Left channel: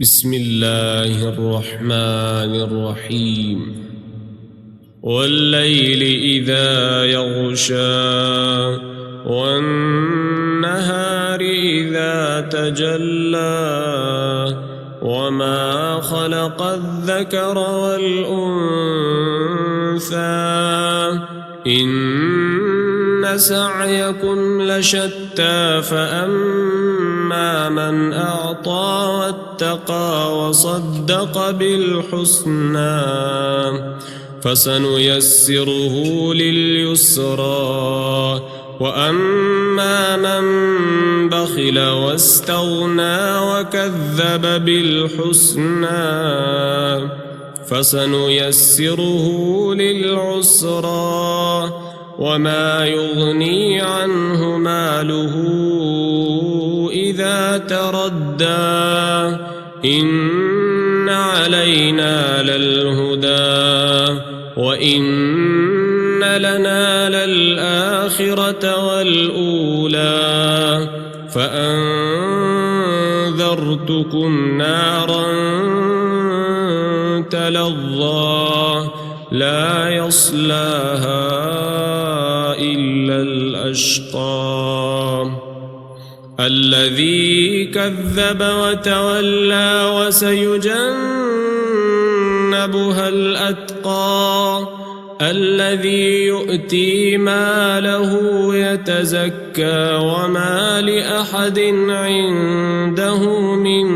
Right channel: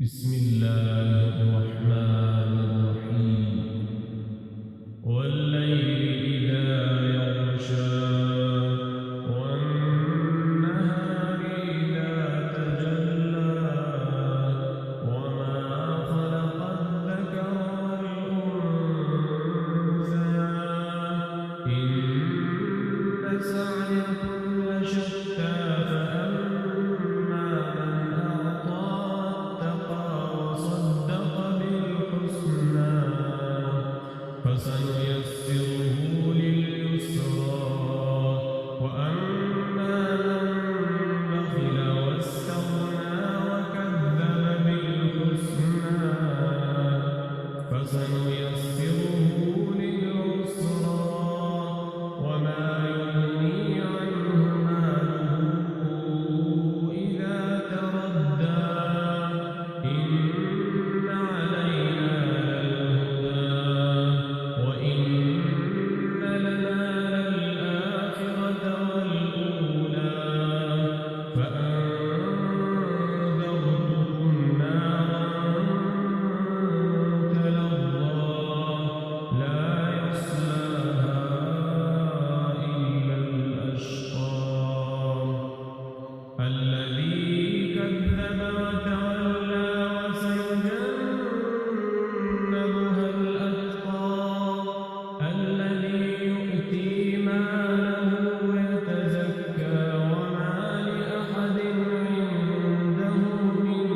بسم الله الرحمن الرحيم والليل إذا يغشى والنهار إذا تجلى وما خلق الذكر والأنثى إن سعيكم لشتى فأما من أعطى واتقى وصدق بالحسنى فسنيسره لليسرى وأما من بخل واستغنى وكذب بالحسنى فسنيسره للعسرى وما يغني عنه ماله إذا تردى إن علينا للهدى وإن لنا للآخرة والأولى فأنذرتكم نارا تلظى لا يصلاها إلا الأشقى الذي كذب وتولى وسيجنبها الأتقى الذي يؤتي ماله يتزكى وما لأحد عنده من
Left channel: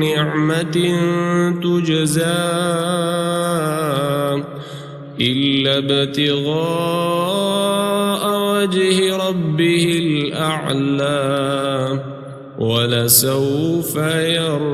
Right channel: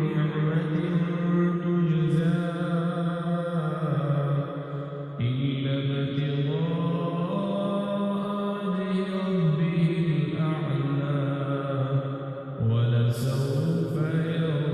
نعمة تجزى إلا ابتغاء وجه ربه الأعلى ولسوف يرضى.